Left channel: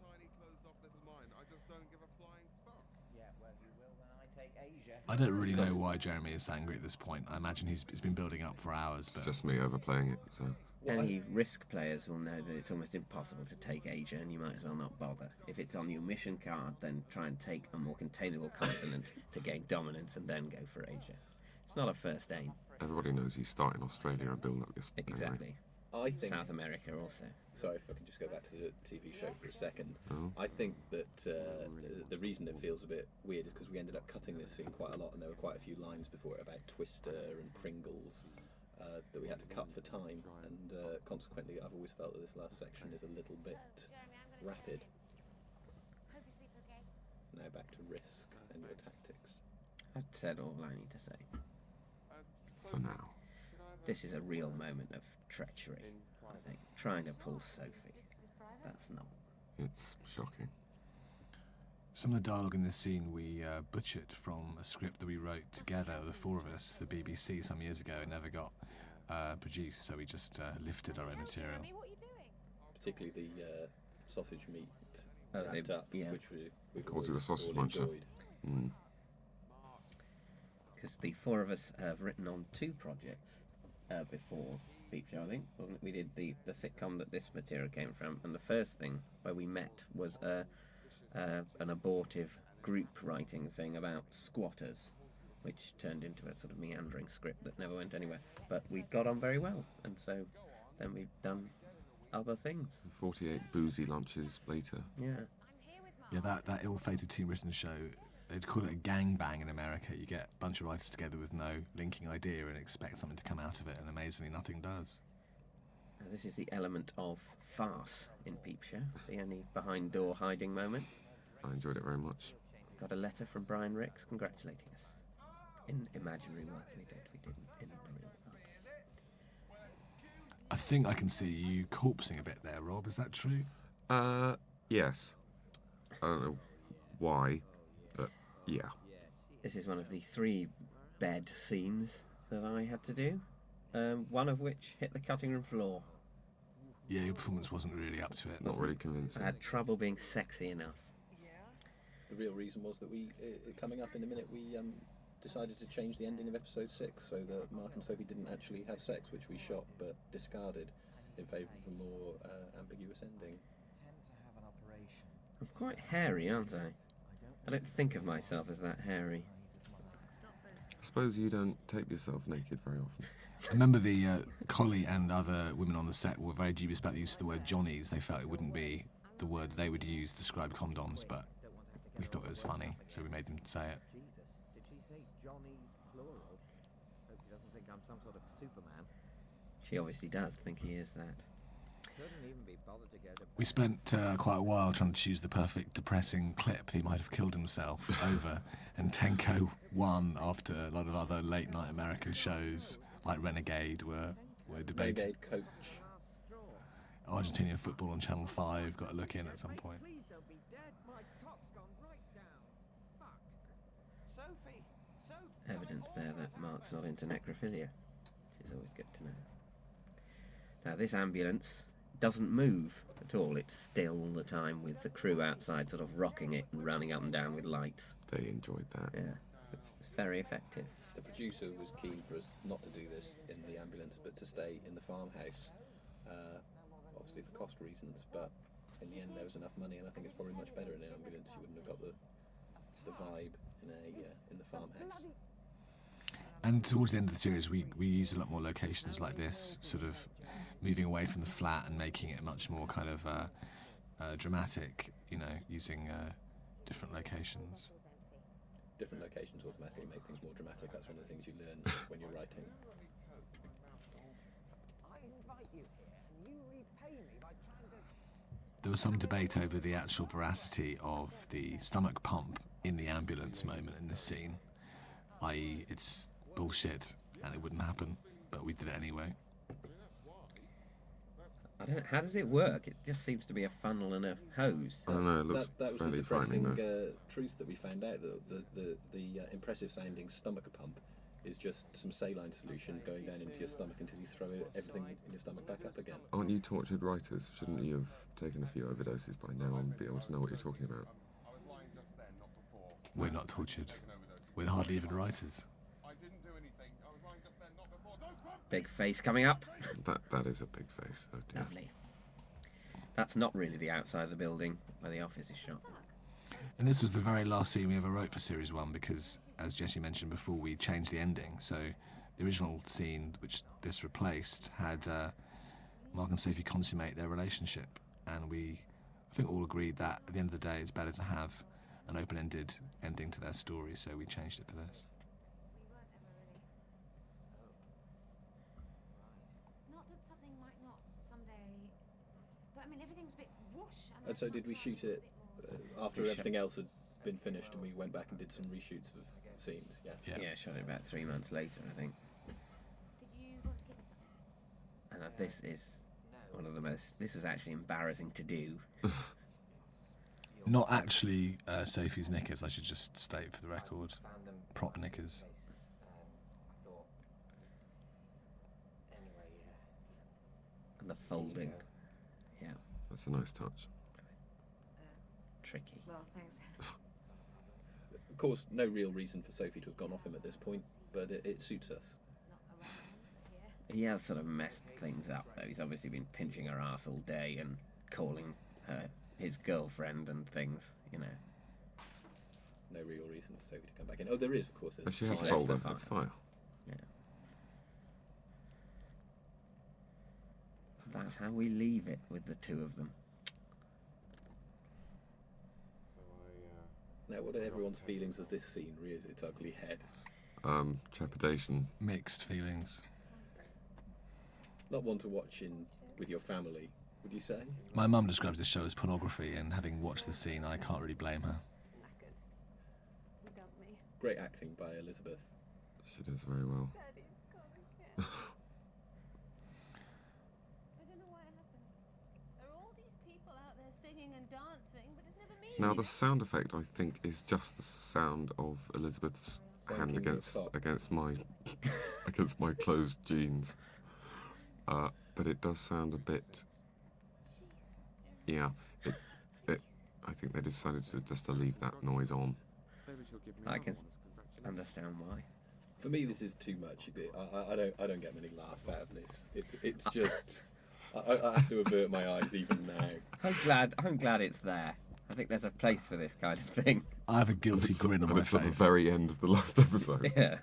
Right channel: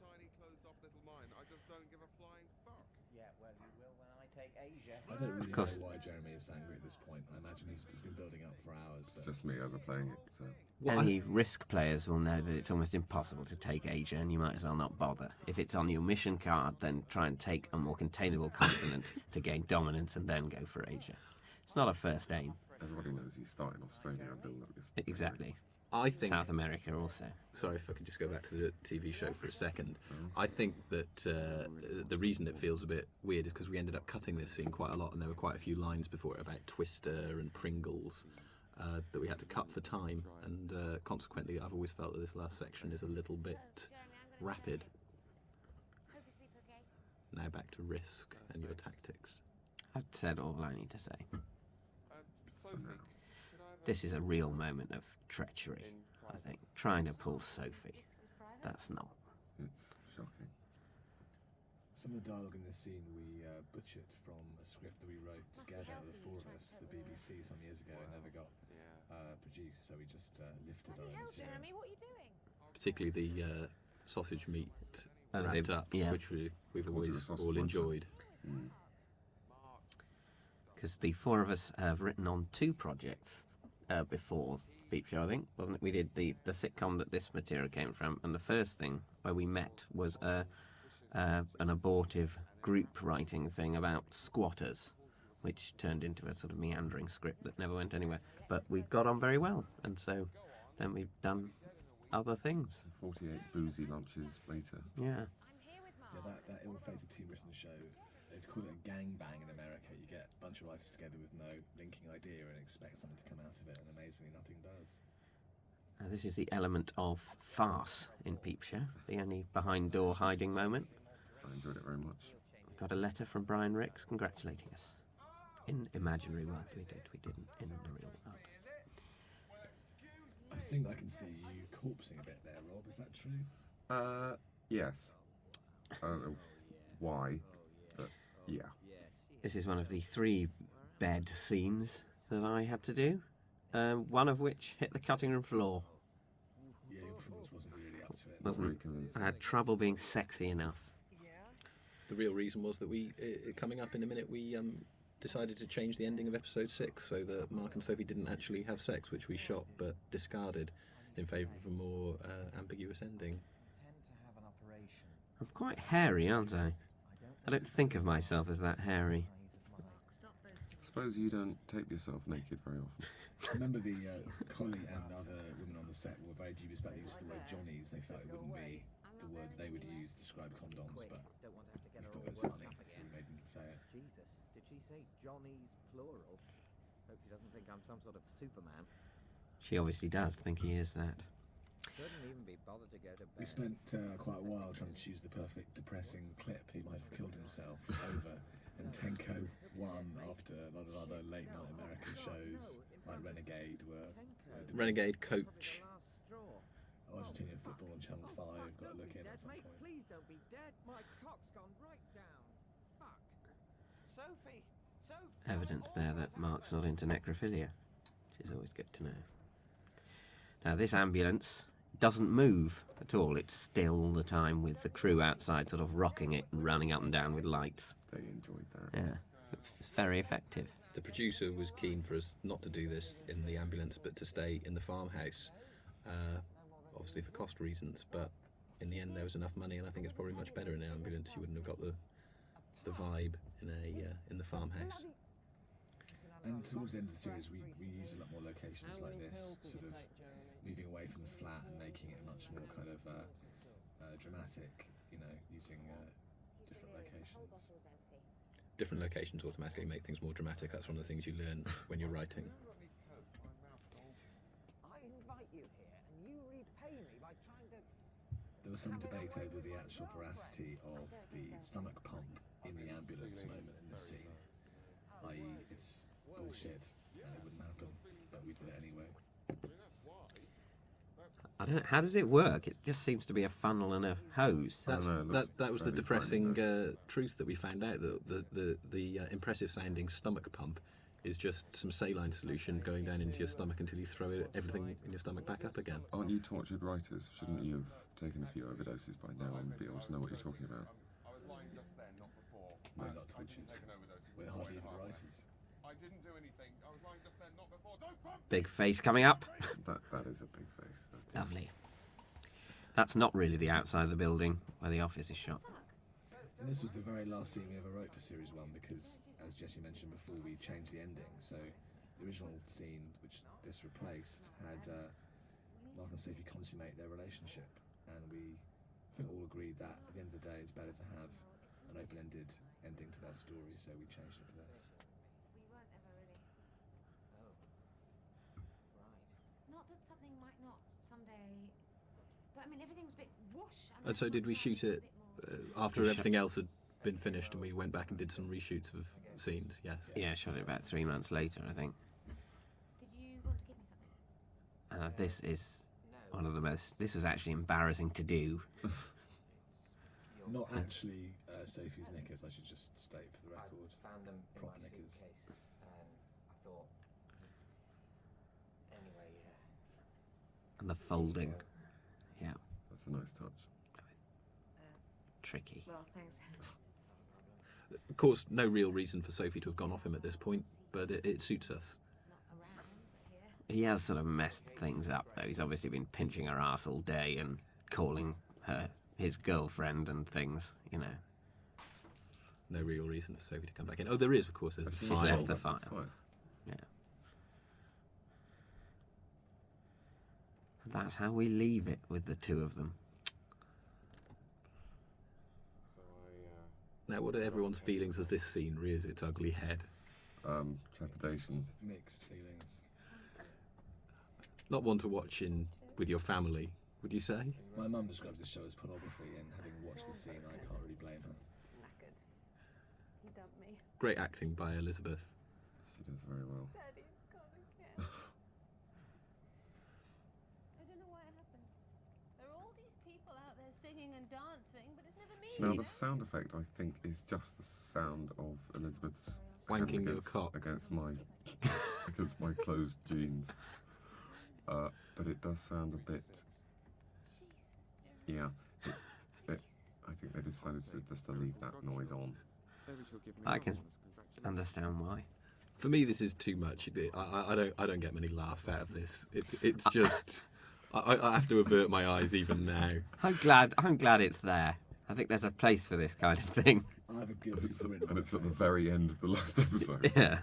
tiny closed-off little mind. I just don't give a flying fuck. Yeah, well, you will when I take Asia. I don't really know why Jeremy is angry at this point. I imagine he's been building up for hours. It's But just me overplaying it. So Any risk players will know that it's almost impossible to take Asia, and you might as well not bother. If it's on your mission card, then try and take a more containable continent to gain dominance and then go for Asia. It's not a first aim. everybody knows he's starting Australia and building up this. Exactly. I think. South America also. Sorry if I can just go back to the TV show for a second. I think that the reason it feels a bit weird is because we ended up cutting this scene quite a lot, and there were quite a few lines before it about Twister and Pringles that we had to cut for time, and consequently I've always felt that this last section is a little bit rapid. Hope you sleep okay. Now back to Risk and your tactics. I've said all I need to say. For now. This is a real moment of treachery, I think. Trying to pull Sophie. That's not. It's shocking. some of the dialogue in this scene we butchered from a script that we wrote together, the four of us, for the BBC some years ago. It never got produced, so we just lifted our own material. Jeremy, what are you doing? Particularly the sausage meat Oh, wrapped up, yeah. which we've Calls you a always sausage all muncher. enjoyed. Because the four of us have written on two projects before Peep Show, I think, wasn't it? We did the sitcom that this material came from, and the first thing where we met was an abortive group writing thing about squatters, which turned into a sort of meandering script that never went anywhere. But we got on very well, and so then we've done other things. 48 boozy lunches later. Yeah. I'm here with Mark. Yeah, that ill-fated team-written show, they'd call it a gangbang in America. You get a bunch of writers together with no linking idea and expect something to come out of it, and amazingly nothing does. This is the element of farce in Peep Show, the only behind-door hiding moment. I enjoyed it very much. Got a letter from Brian Ricks congratulating us. In imaginary world we didn't in the real world. I think I can see you corpsing a bit there, Rob. Is that true? Yes. I don't know why, but yeah. This is one of the 3 bed scenes that I had to do, one of which hit the cutting room floor. Yeah, your performance wasn't really up to it. Not really convincing. I had trouble being sexy enough. The real reason was that we, coming up in a minute, we decided to change the ending of episode 6 so that Mark and Sophie didn't actually have sex, which we shot but discarded in favour of a more ambiguous ending. I'm quite hairy, aren't I? I don't think of myself as that hairy. Stop boasting. I suppose you don't tape yourself naked very often. I remember the Collie and other women on the set were very dubious about the use of the word Johnnies. They felt it wouldn't be the word they would use to describe condoms, but we thought it was funny, so we made them say it. Jesus, did she say Johnny's plural? Hope she doesn't think I'm some sort of Superman. She obviously does think he is that. Couldn't even be bothered to go to bed. We spent quite a while trying to choose the perfect depressing clip that he might have killed himself over, and Tenko won after a lot of other late night American shows like Renegade were debated. Renegade Coach. Last straw. Argentinian football on Channel 5 got a look in at some Mate, point. please don't be dead. My cock's gone right down. Fuck. Sophie. Evidence there that Mark's not into necrophilia, which is always good to know. Now this ambulance doesn't move at all. It's still all the time with the crew outside sort of rocking it and running up and down with lights. They enjoyed that. Yeah, it's very effective. The producer was keen for us not to do this in the ambulance but to stay in the farmhouse, obviously for cost reasons, but in the end there was enough money, and I think it's probably much better in an ambulance. You wouldn't have got the vibe in the farmhouse. And towards the end of the series, we used a lot more locations like this, sort of moving away from the flat and making it much more kind of dramatic, you know, using different locations. Different locations automatically make things more dramatic. That's one of the things you learn when you're writing. I invite you here and you repay me by trying to... There was some debate over the actual veracity of the stomach pump in the ambulance moment in this scene, i.e. it's bullshit and it wouldn't happen, but we did it anyway. I don't know, how does it work? It just seems to be a funnel and a hose. I don't know, it looks That was the fairly depressing frightening, truth that we found out, that the impressive sounding stomach pump is just some saline solution going down into your stomach until you throw everything in your stomach back up again. Aren't you tortured writers? Shouldn't you have taken a few overdoses by now and be able to know what you're talking about? I was lying just then, not before. We're not tortured. We're hardly even writers. I didn't do anything. I was lying just then, not before. Don't grab me! Big face coming up. That is a big face. Oh dear. Lovely. That's not really the outside of the building where the office is shot. And this was the very last scene we ever wrote for Series 1 because, as Jesse mentioned before, we changed the ending. So the original scene, which this replaced, had Mark and Sophie consummate their relationship. And we, I think, all agreed that at the end of the day, it's better to have an open-ended ending to their story, so we changed it for this. We weren't ever really. Right. Not that something might not someday. But I mean, everything was a bit whoosh. And so did we shoot it after everything else had been finished, and we went back and did some reshoots of scenes? Yes. Yeah, shot it about 3 months later, I think. Did you want to give me something? This is one of the most. This was actually embarrassing to do. Not actually Sophie's knickers, I should just state for the record. Found them in Prop my knickers. suitcase, I thought. Anyway, yeah. And the There you folding. go. Yeah, That's a nice touch. tricky. Well, thanks. Of course, no real reason for Sophie to have gone off him at this point, but it suits us. Not around, but here. He has sort of messed things up, though. He's obviously been pinching her ass all day and calling her his girlfriend and things, you know. No real reason for Sophie to come back in. Oh, there is, of course. There's She a has fire. a folder. the That's fire. fine. Yeah. That's how we leave it with the two of them. So I, Now, what are everyone's feelings as this scene rears its ugly head? Trepidation. Mixed feelings. Not one to watch with your family, would you say? My mum describes this show as pornography, and having watched the scene, I can't really blame her. Knackered. He dumped me. Great acting by Elizabeth. She does very well. Daddy's gone again. I don't know why it happens. There are all these people out there singing and dancing, but it's never me. Now the sound effect, I think, is just the sound of Elizabeth's hand Wanking your against cock. against my closed jeans. But it does sound a bit. Jesus, Jeremy. Yeah. I think they decided just to leave that noise on. maybe she'll give me I another can one as congratulations. Understand why. For me, this is too much. I don't get many laughs out of this. It's just. I have to avert my eyes even now. I'm glad it's there. I think there's a place for this kind of thing. I have a guilty grin on And my it's at the face. very end of the last episode. Yeah.